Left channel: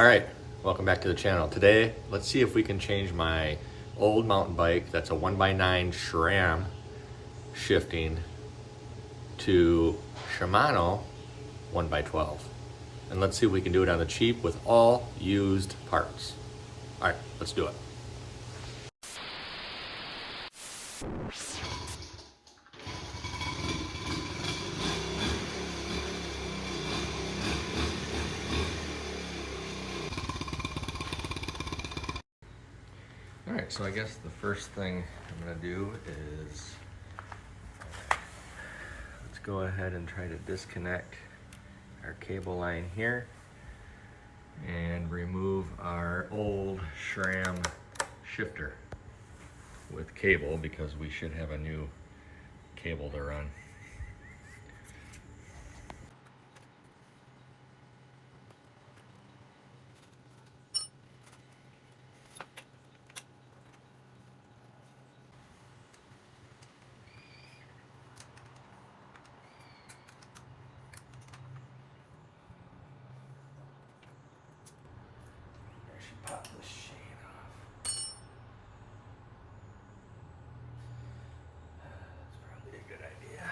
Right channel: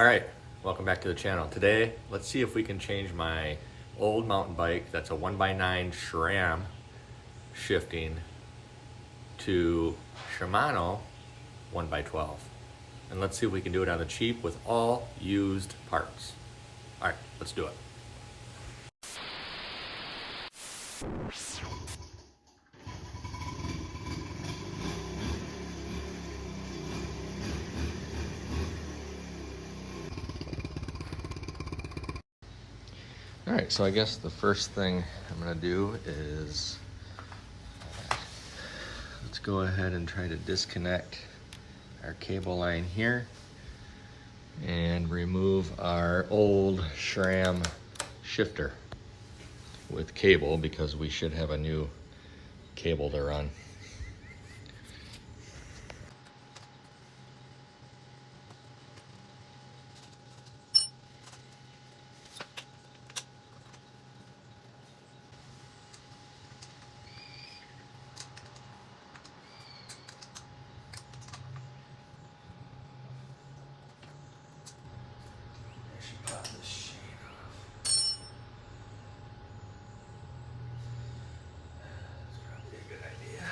All right, welcome back to the channel. Today, let's see if we can change my old mountain bike that's a 1x9 SRAM shifting to Shimano 1x12. And let's see if we can do it on the cheap with all used parts. All right, let's do it. All right, so I guess the first thing I'm gonna do is let's go ahead and try to disconnect our cable line here and remove our old SRAM shifter with cable, because we should have a new cable to run. Pop this shade off. That's probably a good idea.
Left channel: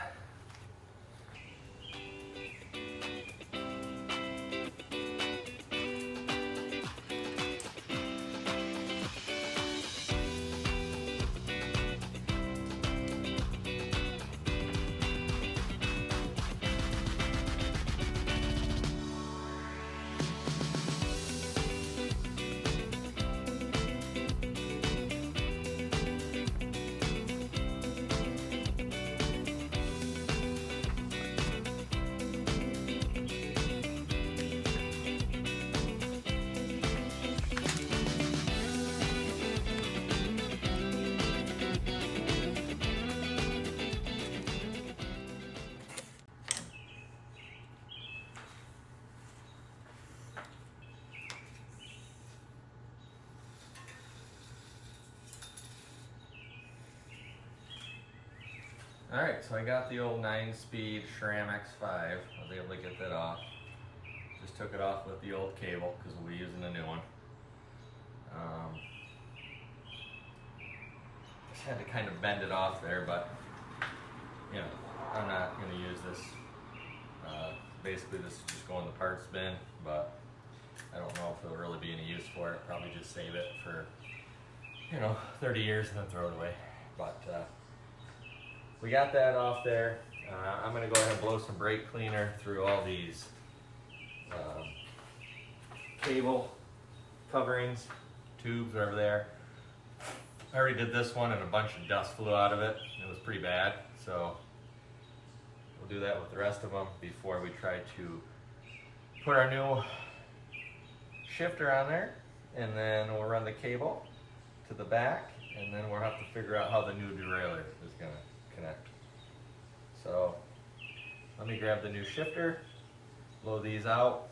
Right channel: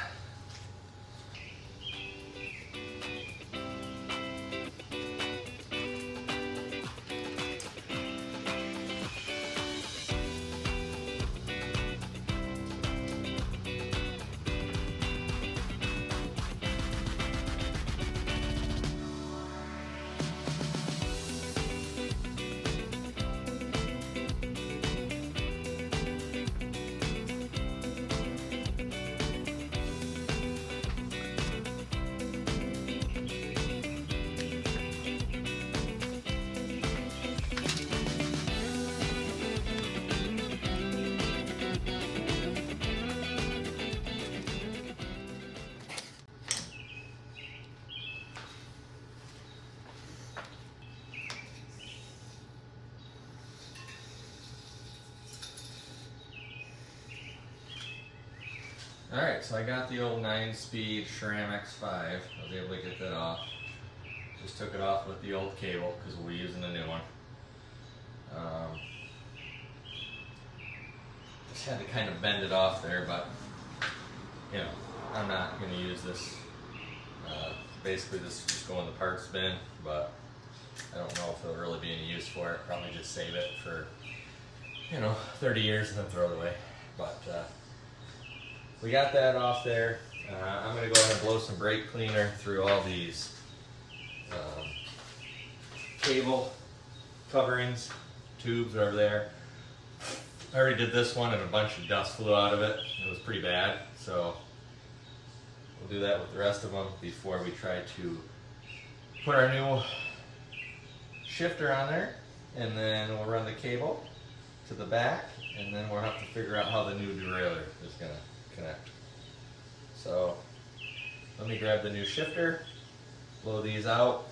All right, so I got the old 9-speed SRAM X5. I was able to get that off. Just took it off with the old cable because we're using a new one. Just had to kind of bend it off there, but you know, I'm not going to use this. Basically, this is just going in the parts bin, but I don't know if there'll really be any use for it. Probably just save it for, 30 years and then throw it away. But we got that off there. I'm going to go ahead and blow some brake cleaner through all these cable coverings, tubes, whatever they are. I already did this one and a bunch of dust flew out of it. It was pretty bad, so we'll do that with the rest of them before we try to put our new shifter on there, and then we'll run the cable to the back, and then we'll have to figure out how the new derailleur is going to connect. So let me grab the new shifter, blow these out,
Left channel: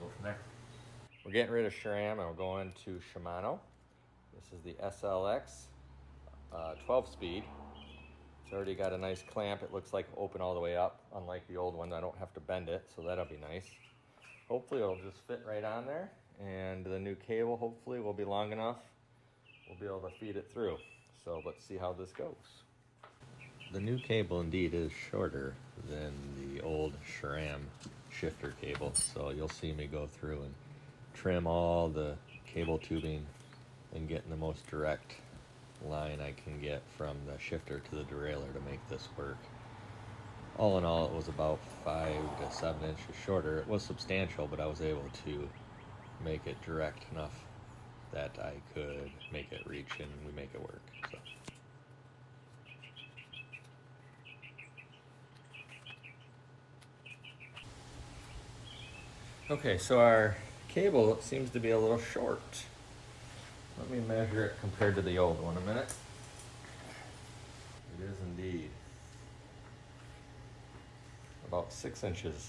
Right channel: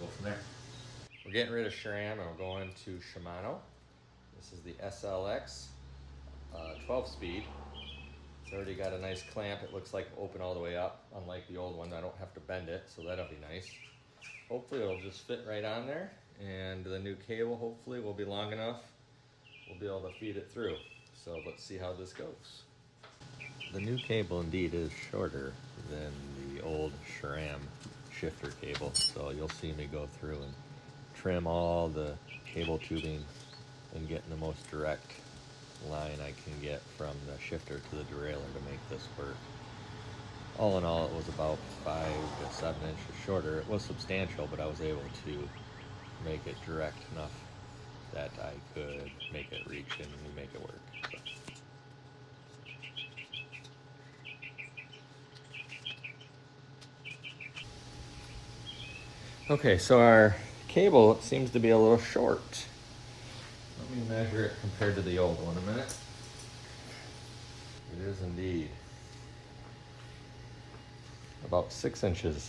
go from there. We're getting rid of SRAM and we're going to Shimano. This is the SLX 12-speed. It's already got a nice clamp. It looks like open all the way up, unlike the old one. I don't have to bend it, so that'll be nice. Hopefully it'll just fit right on there, and the new cable hopefully will be long enough. We'll be able to feed it through. So let's see how this goes. The new cable indeed is shorter than the old SRAM shifter cable, so you'll see me go through and trim all the cable tubing and getting the most direct line I can get from the shifter to the derailleur to make this work. All in all, it was about 5 to 7 inches shorter. It was substantial, but I was able to make it direct enough that I could make it reach and we make it work. So. Okay, so our cable seems to be a little short. Let me measure it compared to the old one a minute. It is indeed about 6 inches.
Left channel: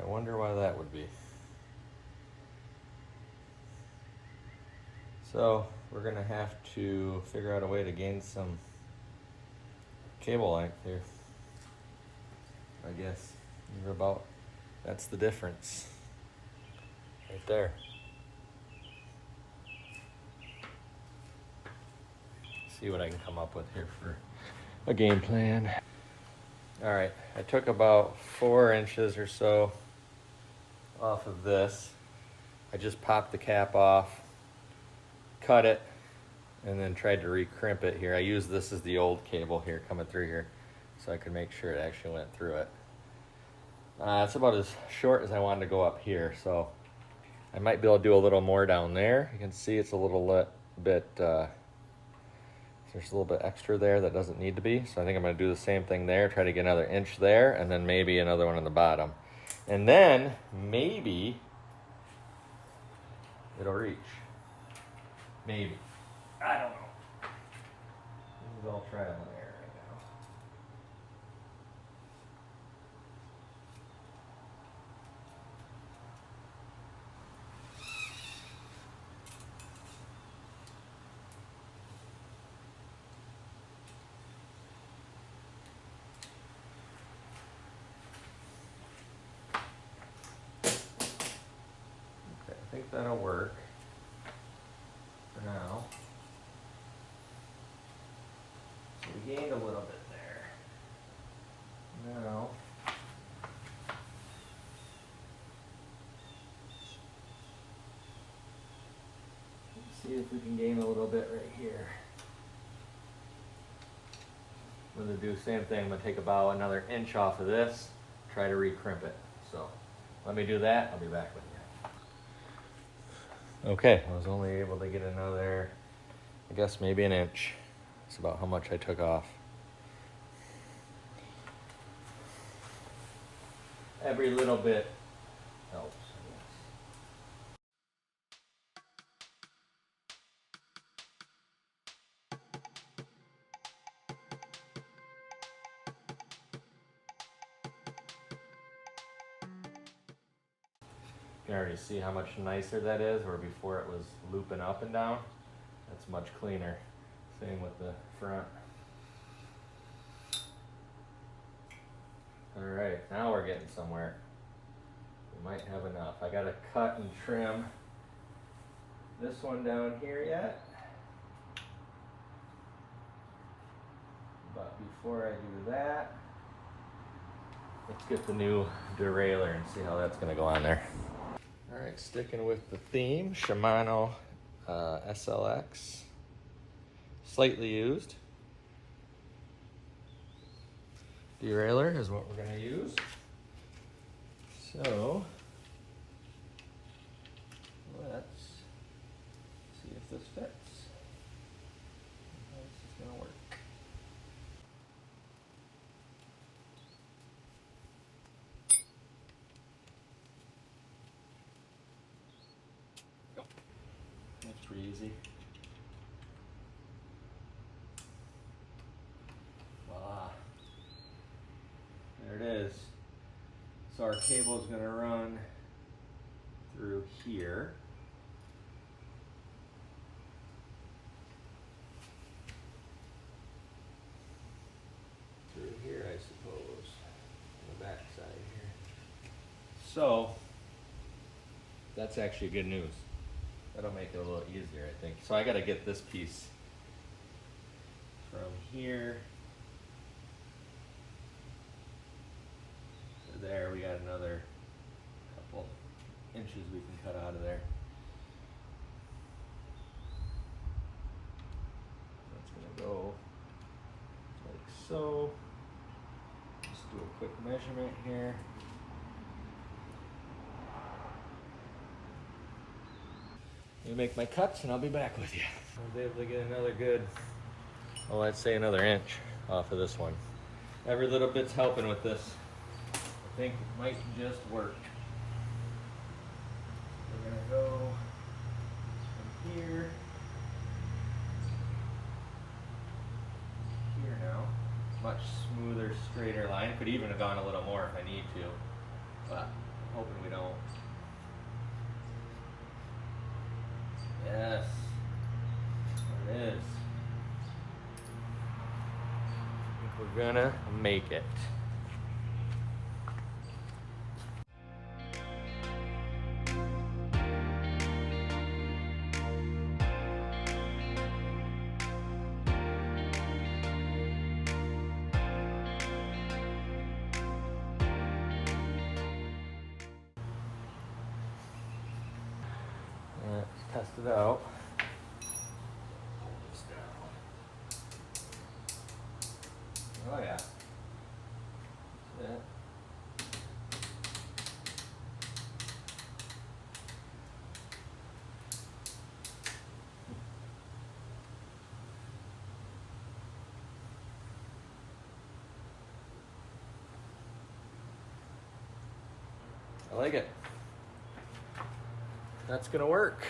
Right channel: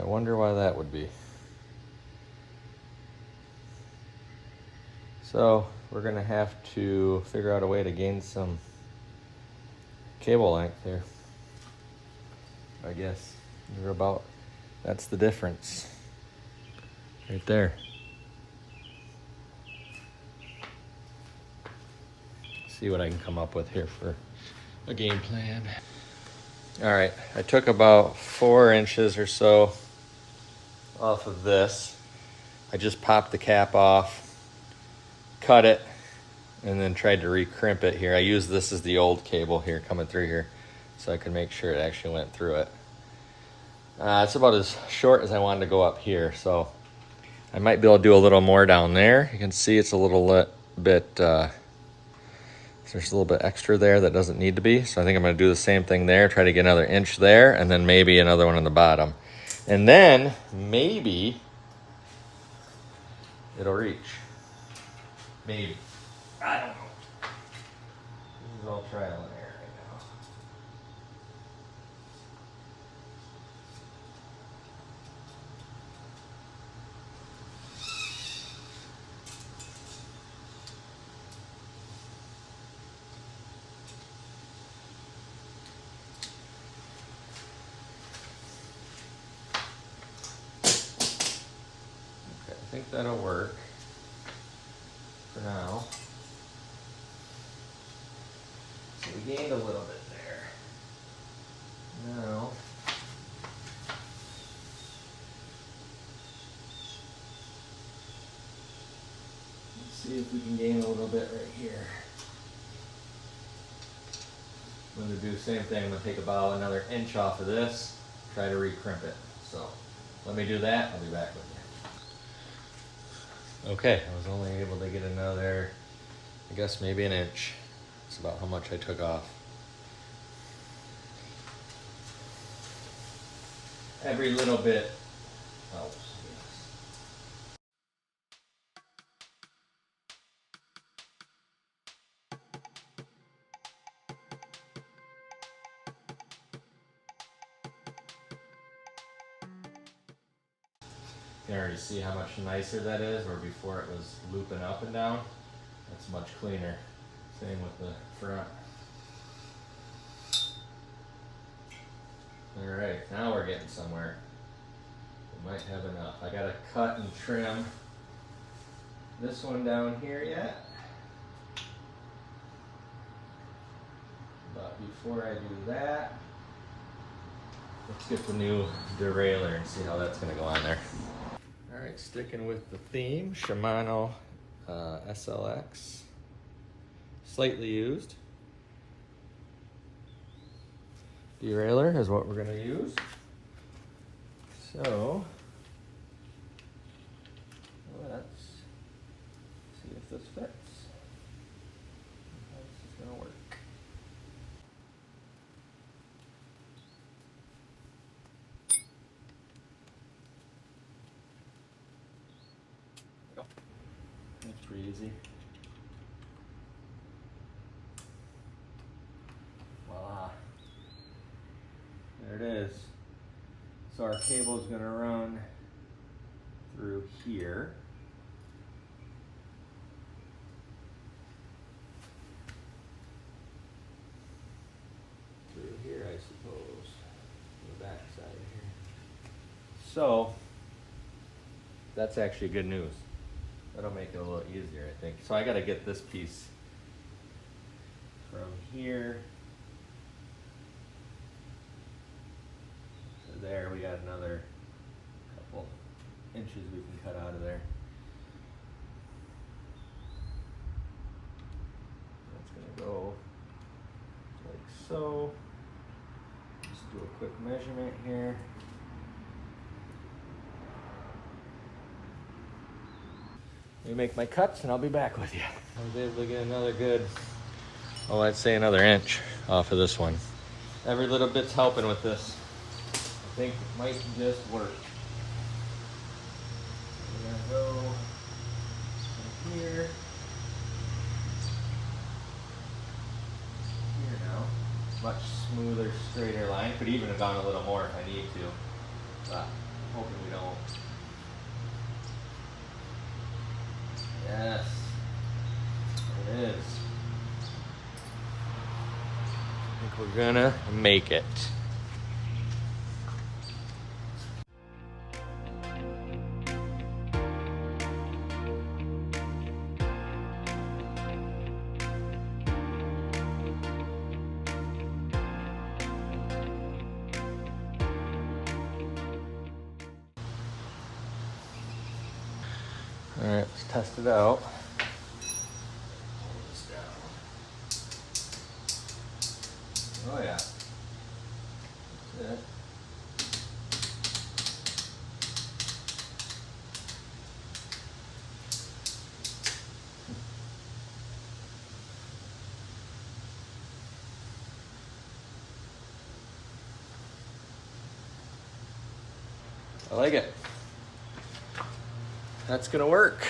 I wonder why that would be. So we're gonna have to figure out a way to gain some cable length here. I guess we're about, that's the difference. Right there. See what I can come up with here for a game plan. All right, I took about 4 inches or so off of this. I just popped the cap off, cut it, and then tried to recrimp it here. I used this as the old cable here coming through here so I could make sure it actually went through it. It's about as short as I wanted to go up here, so I might be able to do a little more down there. You can see it's a little bit, there's a little bit extra there that doesn't need to be. So I think I'm gonna do the same thing there, try to get another inch there, and then maybe another one on the bottom. And then maybe it'll reach. Maybe. I don't know. This is all trial and error right now. Okay, I think that'll work for now. So we gained a little bit there. Now, let's see if we can gain a little bit right here. I'm going to do the same thing. I'm going to take about another inch off of this, try to recrimp it. So let me do that. I'll be back with you. Okay, I was only able to get another, I guess maybe an inch. That's about how much I took off. Every little bit helps, I guess. You can already see how much nicer that is, where before it was looping up and down. That's much cleaner. Same with the front. All right, now we're getting somewhere. We might have enough. I gotta cut and trim this one down here yet. But before I do that, let's get the new derailleur and see how that's gonna go on there. All right, sticking with the theme, Shimano SLX. Slightly used. Derailleur is what we're going to use. So let's see if this fits. How this is going to work. That's pretty easy. There it is. So our cable is going to run through here. Through here, I suppose, on the back side here. So that's actually good news. That'll make it a little easier, I think. So I got to get this piece from here. There, we got another couple inches we can cut out of there. That's gonna go like so. Just do a quick measurement here. Let me make my cuts and I'll be back with you. I was able to get another good, oh, I'd say another inch off of this one. Every little bit's helping with this. I think it might just work. We're gonna go from here now. Much smoother, straighter line. Could even have gone a little more if I need to, but I'm hoping we don't. Yes, there it is. I think we're gonna make it. All right, let's test it out. Oh yeah. That's it. I like it. That's gonna work.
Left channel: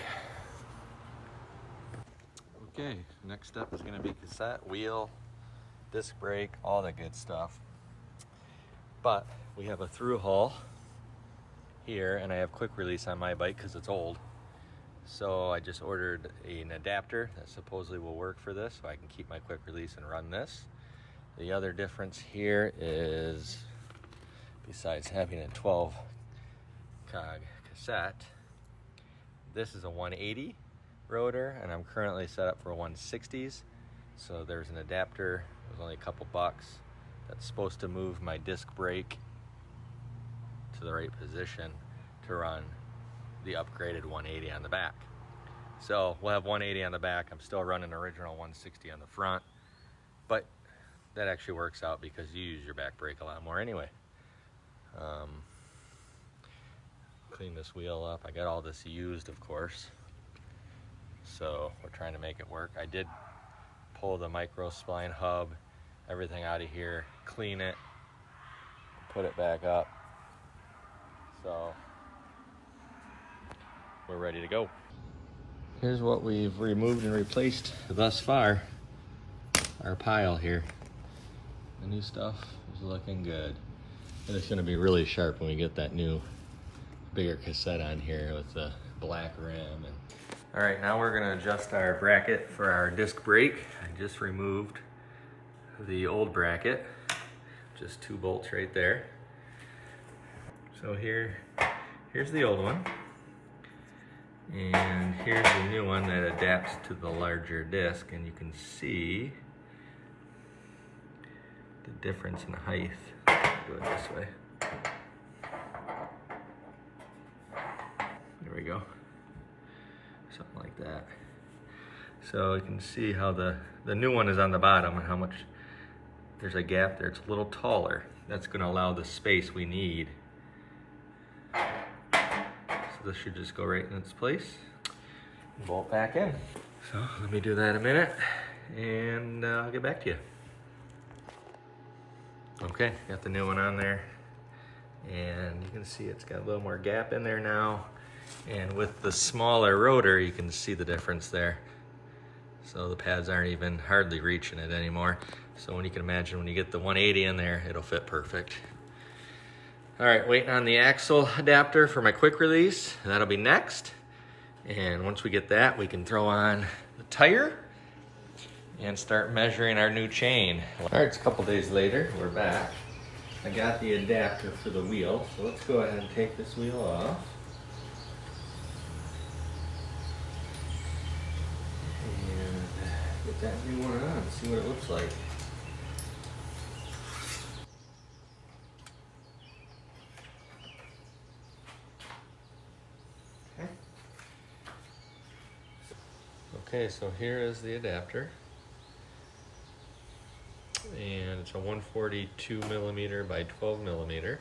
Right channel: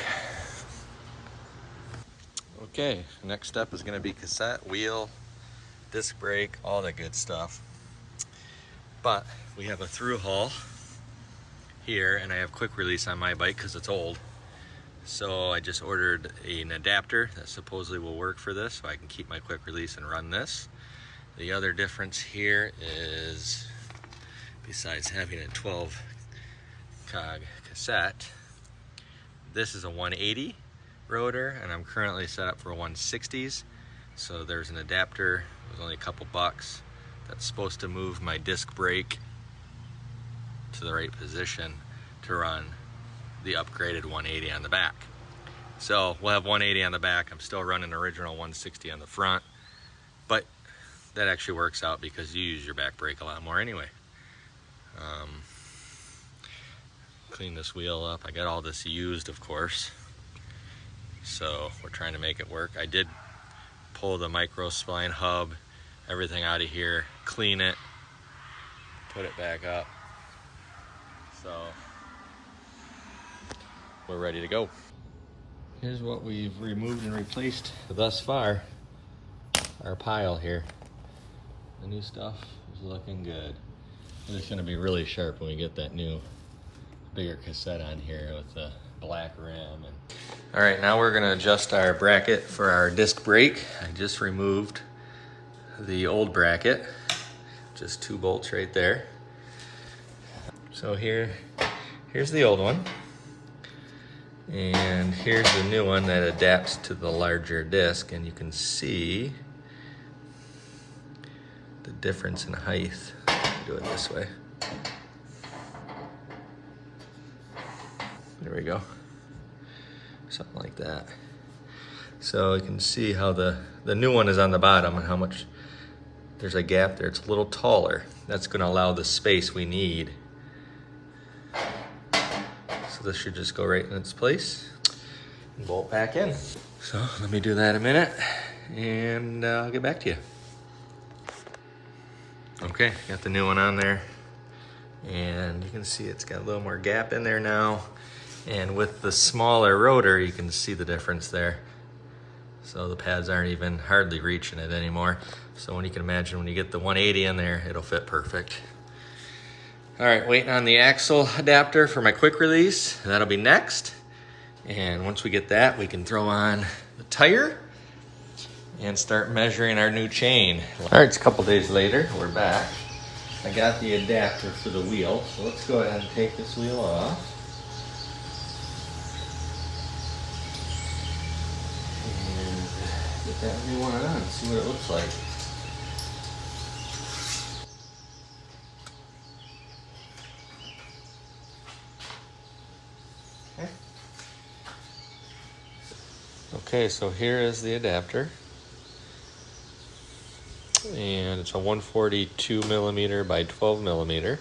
Okay, next step is gonna be cassette, wheel, disc brake, all that good stuff. But we have a through hull here, and I have quick release on my bike because it's old. So I just ordered an adapter that supposedly will work for this, so I can keep my quick release and run this. The other difference here is, besides having a 12 cog cassette, this is a 180 rotor, and I'm currently set up for 160s. So there's an adapter, it was only a couple bucks, that's supposed to move my disc brake to the right position to run the upgraded 180 on the back. So we'll have 180 on the back. I'm still running original 160 on the front, but that actually works out because you use your back brake a lot more anyway. Clean this wheel up. I got all this used, of course, so we're trying to make it work. I did pull the micro spline hub, everything out of here, clean it, put it back up, so we're ready to go. Here's what we've removed and replaced thus far. Our pile here. The new stuff is looking good. And it's gonna be really sharp when we get that new bigger cassette on here with the black rim. All right, now we're gonna adjust our bracket for our disc brake. I just removed the old bracket, just 2 bolts right there. So here's the old one. And here's the new one that adapts to the larger disc, and you can see the difference in height. Do it this way. There we go. Something like that. So you can see how the new one is on the bottom and how much there's a gap there. It's a little taller. That's going to allow the space we need. So this should just go right in its place and bolt back in. So let me do that in a minute and I'll get back to you. Okay, got the new one on there, and you can see it's got a little more gap in there now, and with the smaller rotor you can see the difference there. So the pads aren't even hardly reaching it anymore. So when you can imagine, when you get the 180 in there, it'll fit perfect. All right, waiting on the axle adapter for my quick release. That'll be next, and once we get that, we can throw on the tire and start measuring our new chain. All right, it's a couple days later, we're back. I got the adapter for the wheel, so let's go ahead and take this wheel off. And get that new one on and see what it looks like. Okay, so here is the adapter. And it's a 142 millimeter by 12 millimeter,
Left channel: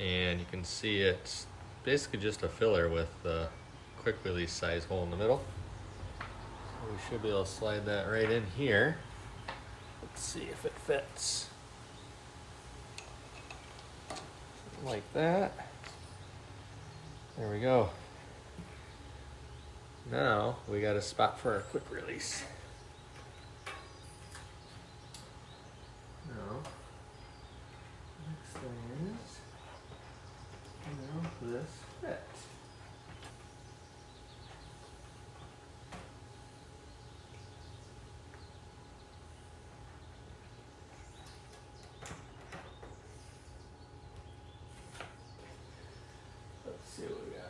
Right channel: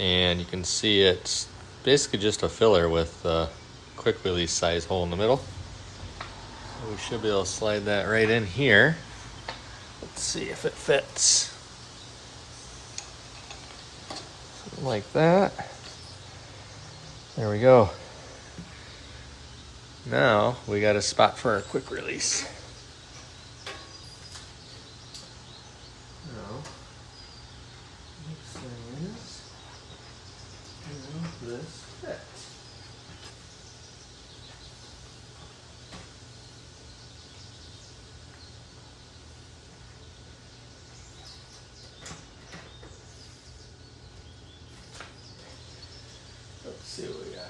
and you can see it's basically just a filler with a quick release size hole in the middle. So we should be able to slide that right in here. Let's see if it fits. Something like that. There we go. Now we got a spot for our quick release. Next thing is, this fits. Let's see what we got here.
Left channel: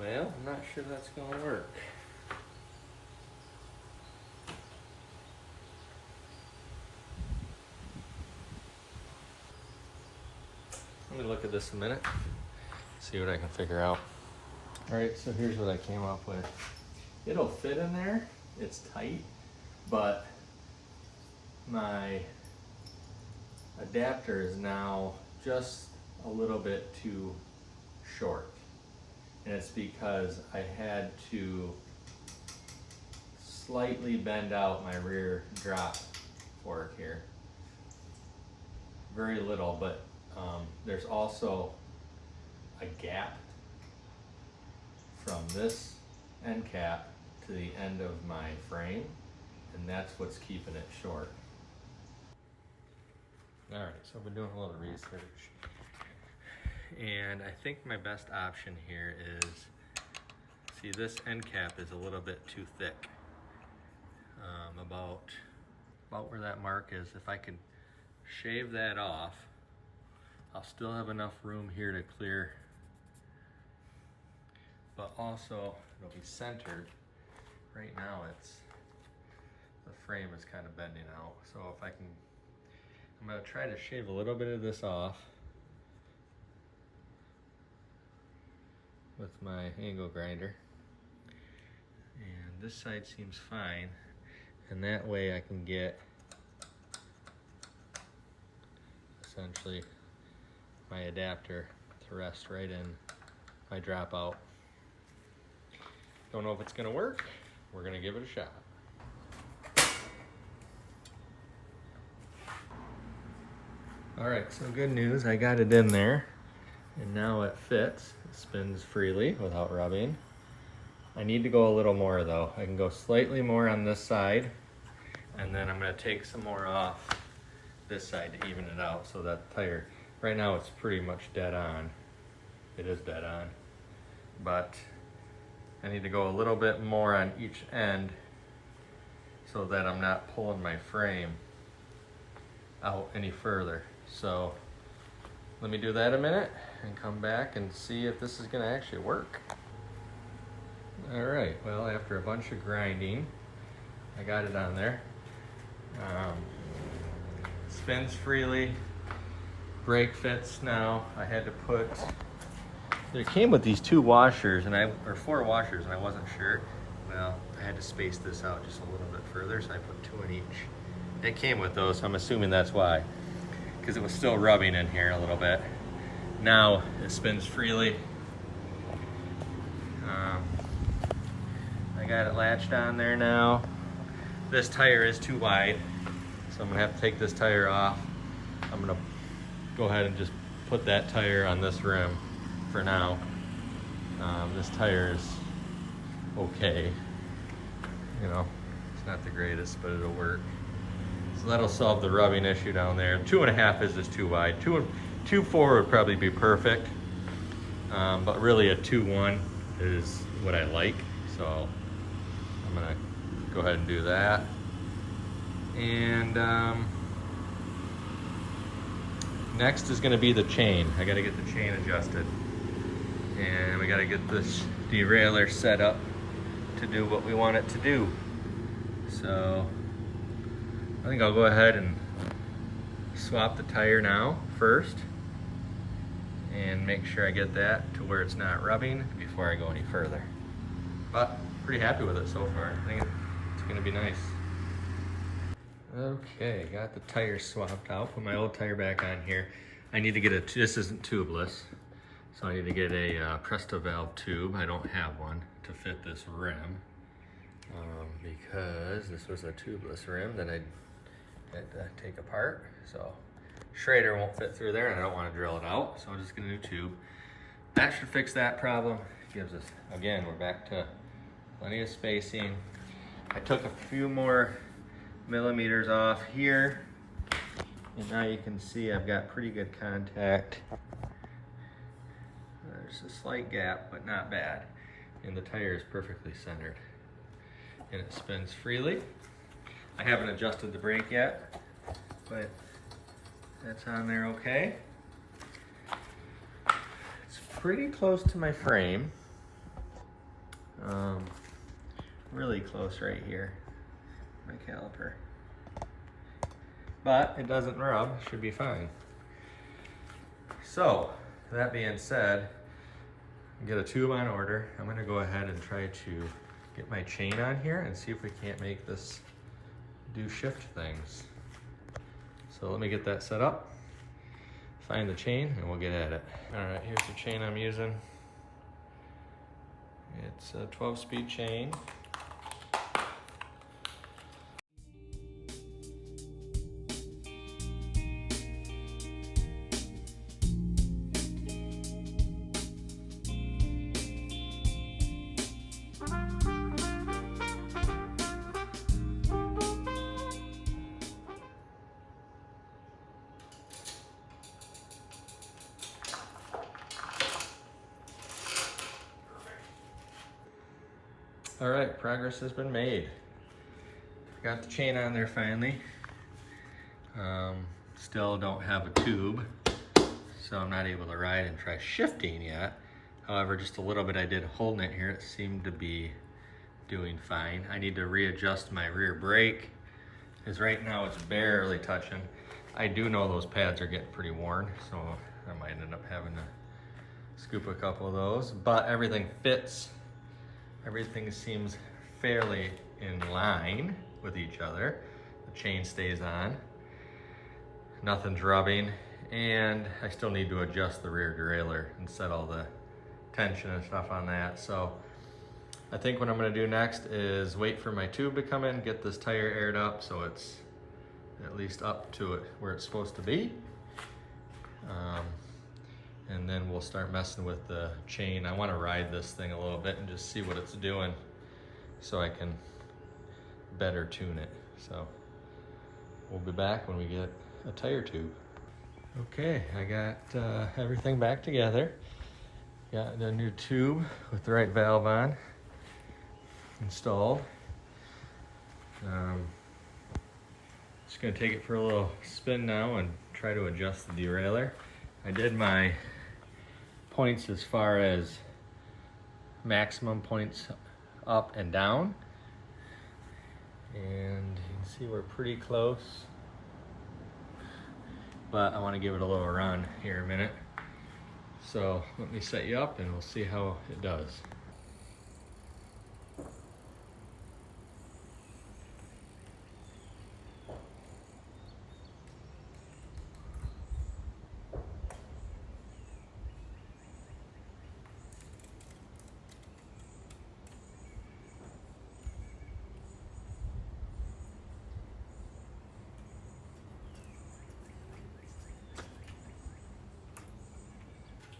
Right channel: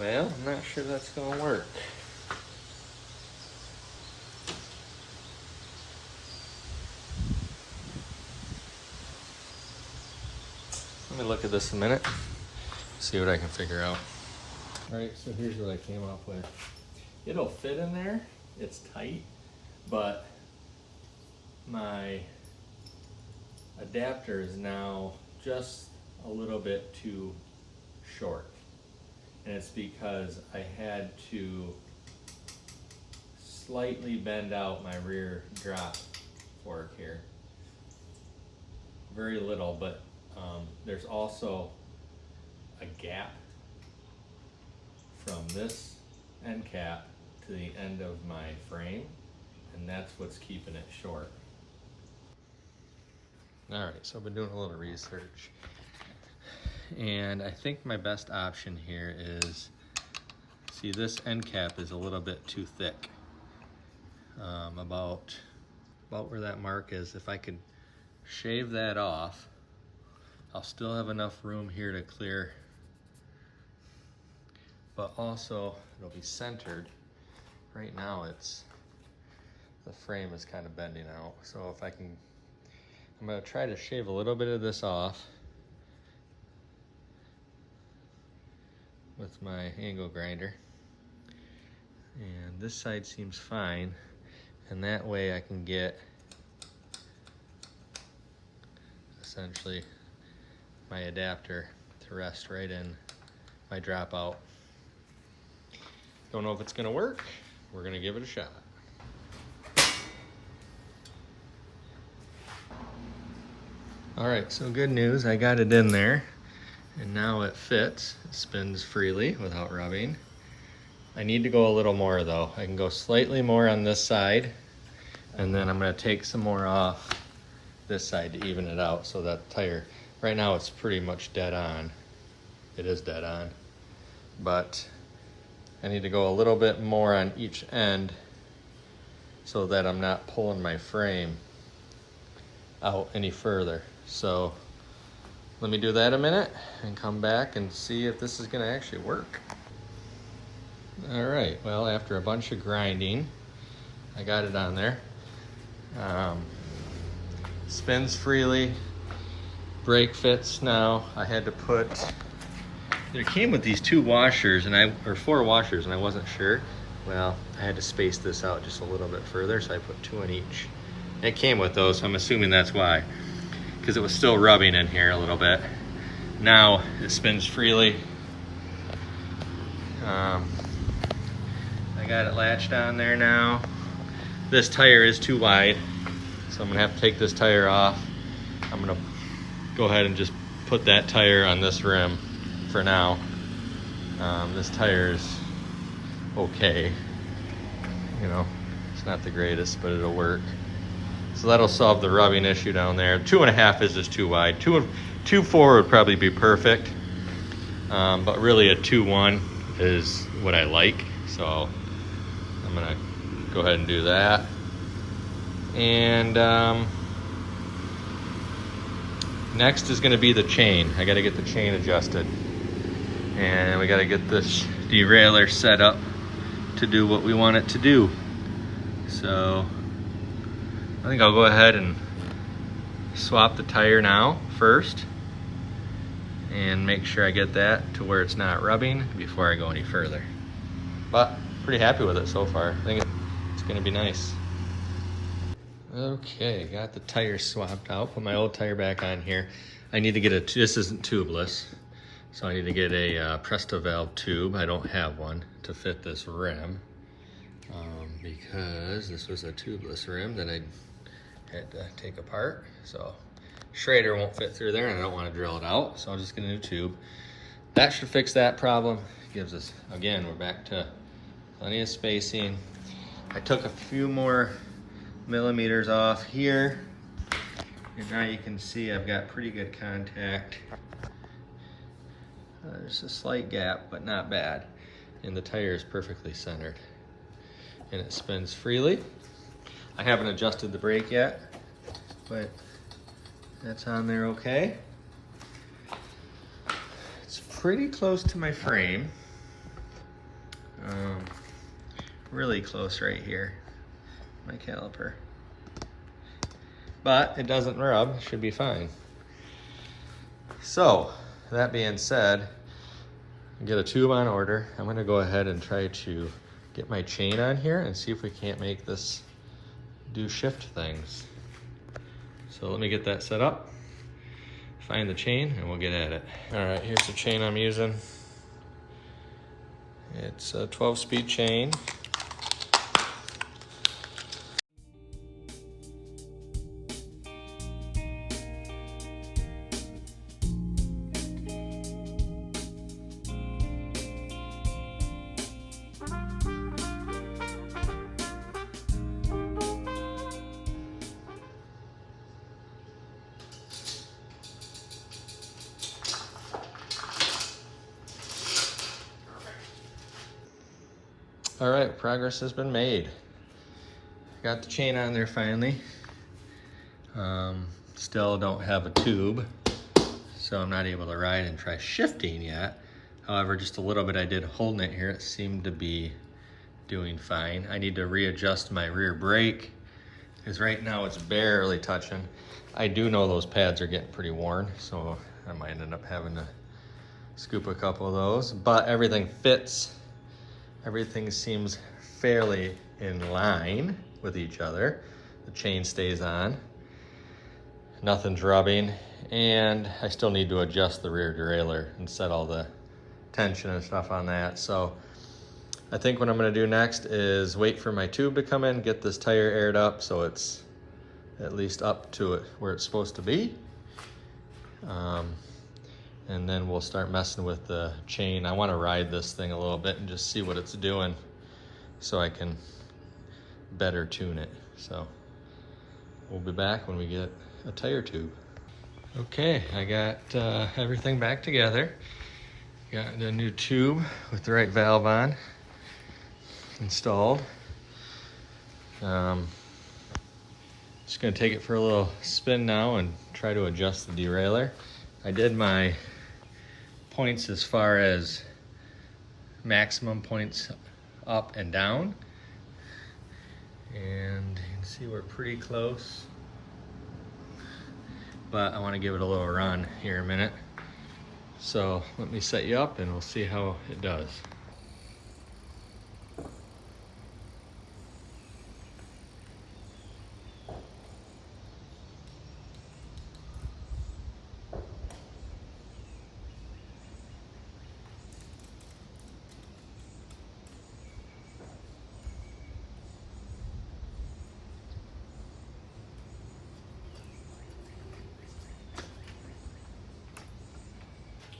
Well, I'm not sure that's going to work. me look at this a minute, see what I can figure out. All right, so here's what I came up with. It'll fit in there, it's tight, but my adapter is now just a little bit too short. And it's because I had to slightly bend out my rear drop fork here. Very little, but there's also a gap from this end cap to the end of my frame, and that's what's keeping it short. All right, so I've been doing a little research, and I think my best option here is, see, this end cap is a little bit too thick, about where that mark is. If I could shave that off, I'll still have enough room here to clear, but also it'll be centered. Right now the frame is kind of bending out, so if I can, I'm going to try to shave a little bit of this off with my angle grinder, and this side seems fine, and that way I can get essentially my adapter to rest right in my dropout. Don't know if it's going to work. We're going to give it a shot. All right, so good news, I got it in there, and now it fits. It spins freely without rubbing. I need to go a little more though. I can go slightly more on this side, and then I'm going to take some more off this side to even it out, so that tire, right now it's pretty much dead on. It is dead on, but I need to go a little bit more on each end so that I'm not pulling my frame out any further. So let me do that a minute and come back and see if this is going to actually work. All right, well, after a bunch of grinding, I got it on there. Spins freely, brake fits now. I had to put, it came with these 2 washers or 4 washers, and I wasn't sure. Well, I had to space this out just a little bit further, so I put 2 in each. It came with those, so I'm assuming that's why, because it was still rubbing in here a little bit. Now it spins freely. I got it latched on there now. This tire is too wide, so I'm gonna have to take this tire off. I'm gonna go ahead and just put that tire on this rim for now. This tire is okay. You know, it's not the greatest, but it'll work. So that'll solve the rubbing issue down there. 2.5 is just too wide. 2.4 would probably be perfect, but really a 2.1 is what I like. So I'm gonna go ahead and do that. And next is gonna be the chain. I gotta get the chain adjusted, and we gotta get this derailer set up to do what we want it to do. So I think I'll go ahead and swap the tire now first and make sure I get that to where it's not rubbing before I go any further. But pretty happy with it so far. I think it's gonna be nice. Okay, got the tire swapped out, put my old tire back on here. I need to get this isn't tubeless, so I need to get a Presto valve tube. I don't have one to fit this rim, because this was a tubeless rim that I had to take apart. So Schrader won't fit through there, and I don't want to drill it out, so I'm just gonna do a tube. That should fix that problem. Gives us, again, we're back to plenty of spacing. I took a few more millimeters off here, and now you can see I've got pretty good contact. There's a slight gap, but not bad, and the tire is perfectly centered, and it spins freely. I haven't adjusted the brake yet, but that's on there okay. It's pretty close to my frame. Really close right here, my caliper. But it doesn't rub, should be fine. So that being said, get a tube on order. I'm gonna go ahead and try to get my chain on here and see if we can't make this do shift things. So let me get that set up, find the chain, and we'll get at it. All right, here's the chain I'm using. It's a 12-speed chain. All right, progress has been made. Got the chain on there finally. Still don't have a tube, so I'm not able to ride and try shifting yet. However, just a little bit I did holding it here, it seemed to be doing fine. I need to readjust my rear brake, because right now it's barely touching. I do know those pads are getting pretty worn, so I might end up having to scoop a couple of those, but everything fits. Everything seems fairly in line with each other. The chain stays on, nothing's rubbing, and I still need to adjust the rear derailleur and set all the tension and stuff on that. So I think what I'm gonna do next is wait for my tube to come in, get this tire aired up so it's at least up to it where it's supposed to be. And then we'll start messing with the chain. I want to ride this thing a little bit and just see what it's doing so I can better tune it. So we'll be back when we get a tire tube. Okay, I got everything back together. Got a new tube with the right valve on installed. Just gonna take it for a little spin now and try to adjust the derailleur. I did my points as far as maximum points up and down, and you can see we're pretty close, but I want to give it a little run here in a minute. So let me set you up and we'll see how it does.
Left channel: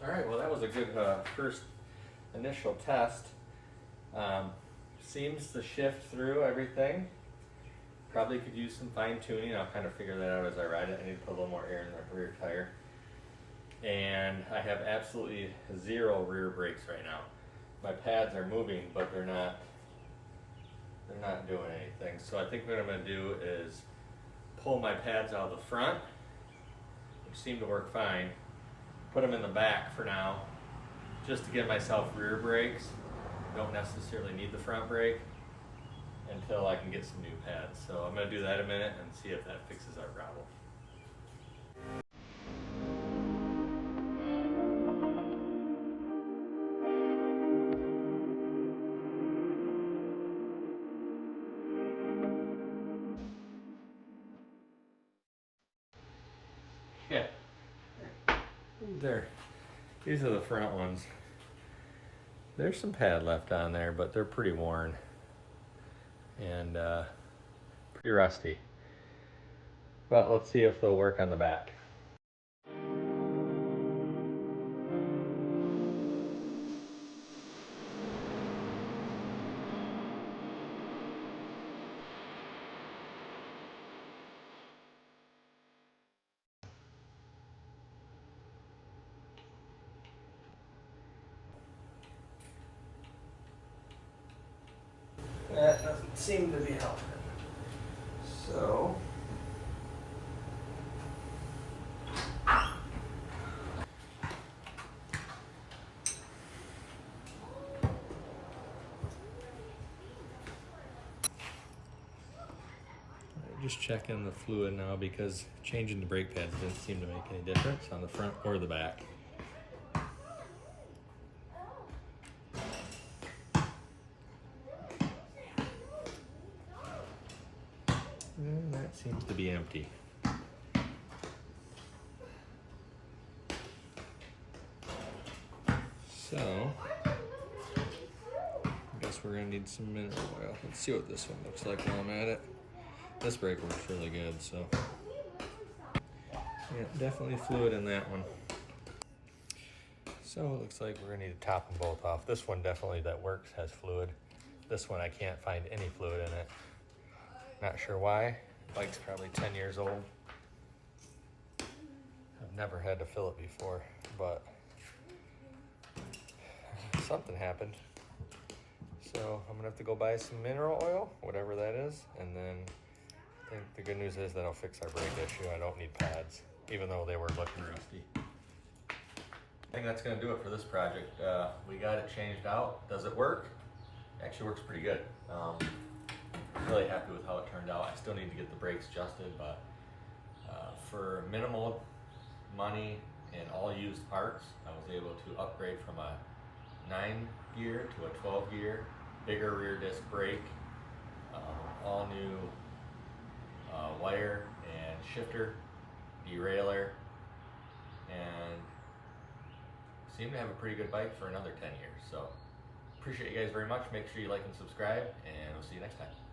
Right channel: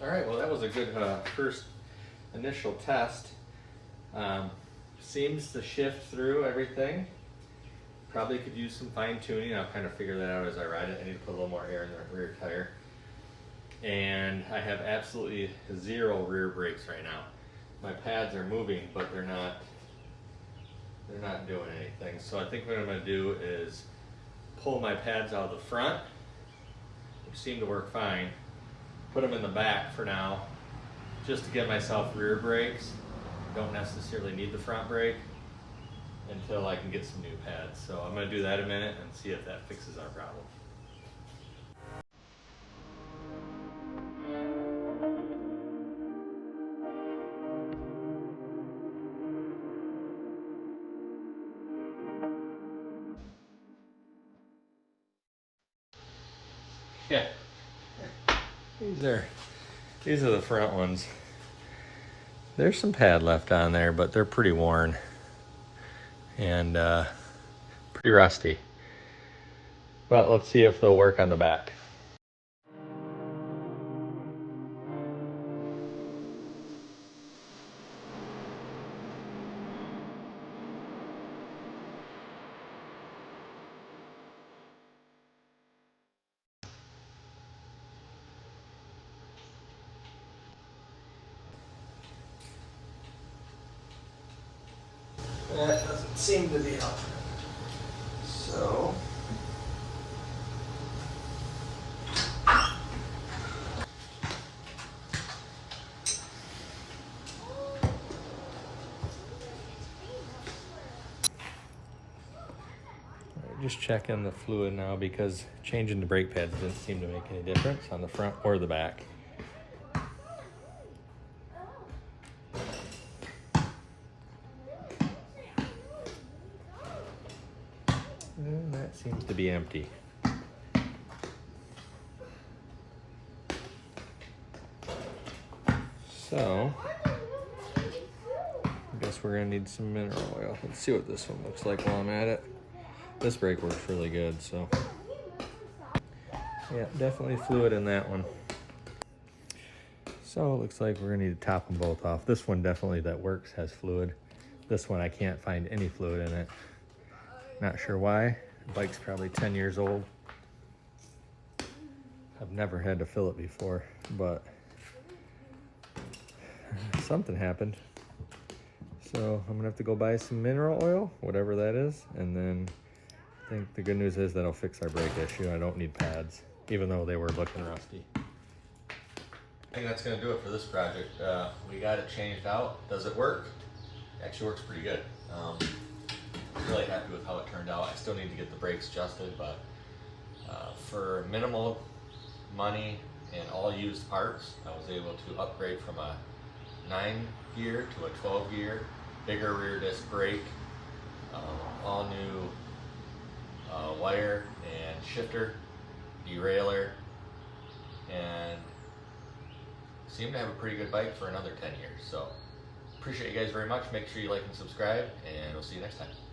All right, well that was a good first initial test. Seems to shift through everything. Probably could use some fine tuning. I'll kind of figure that out as I ride it. I need to put a little more air in the rear tire. And I have absolutely zero rear brakes right now. My pads are moving, but they're not doing anything. So I think what I'm gonna do is pull my pads out of the front, which seem to work fine. Put them in the back for now, just to give myself rear brakes. Don't necessarily need the front brake until I can get some new pads. So I'm gonna do that in a minute and see if that fixes our problem. Yeah. These are the front ones. There's some pad left on there, but they're pretty worn and pretty rusty. But let's see if they'll work on the back. That doesn't seem to be helping. So just checking the fluid now, because changing the brake pads didn't seem to make any difference on the front or the back. And that seems to be empty. So, I guess we're gonna need some mineral oil. Let's see what this one looks like while I'm at it. This brake works really good, so. Yeah, definitely fluid in that one. So it looks like we're gonna need to top them both off. This one definitely that works has fluid. This one I can't find any fluid in it. Not sure why. The bike's probably 10 years old. I've never had to fill it before, but something happened. So I'm gonna have to go buy some mineral oil, whatever that is, and then I think the good news is that'll fix our brake issue. I don't need pads, even though they were looking rusty. I think that's gonna do it for this project. We got it changed out. Does it work? It actually works pretty good. Really happy with how it turned out. I still need to get the brakes adjusted, but for minimal money and all used parts, I was able to upgrade from a 9 gear to a 12 gear, bigger rear disc brake, all new wire and shifter, derailer, and seem to have a pretty good bike for another 10 years. So appreciate you guys very much. Make sure you like and subscribe, and we'll see you next time.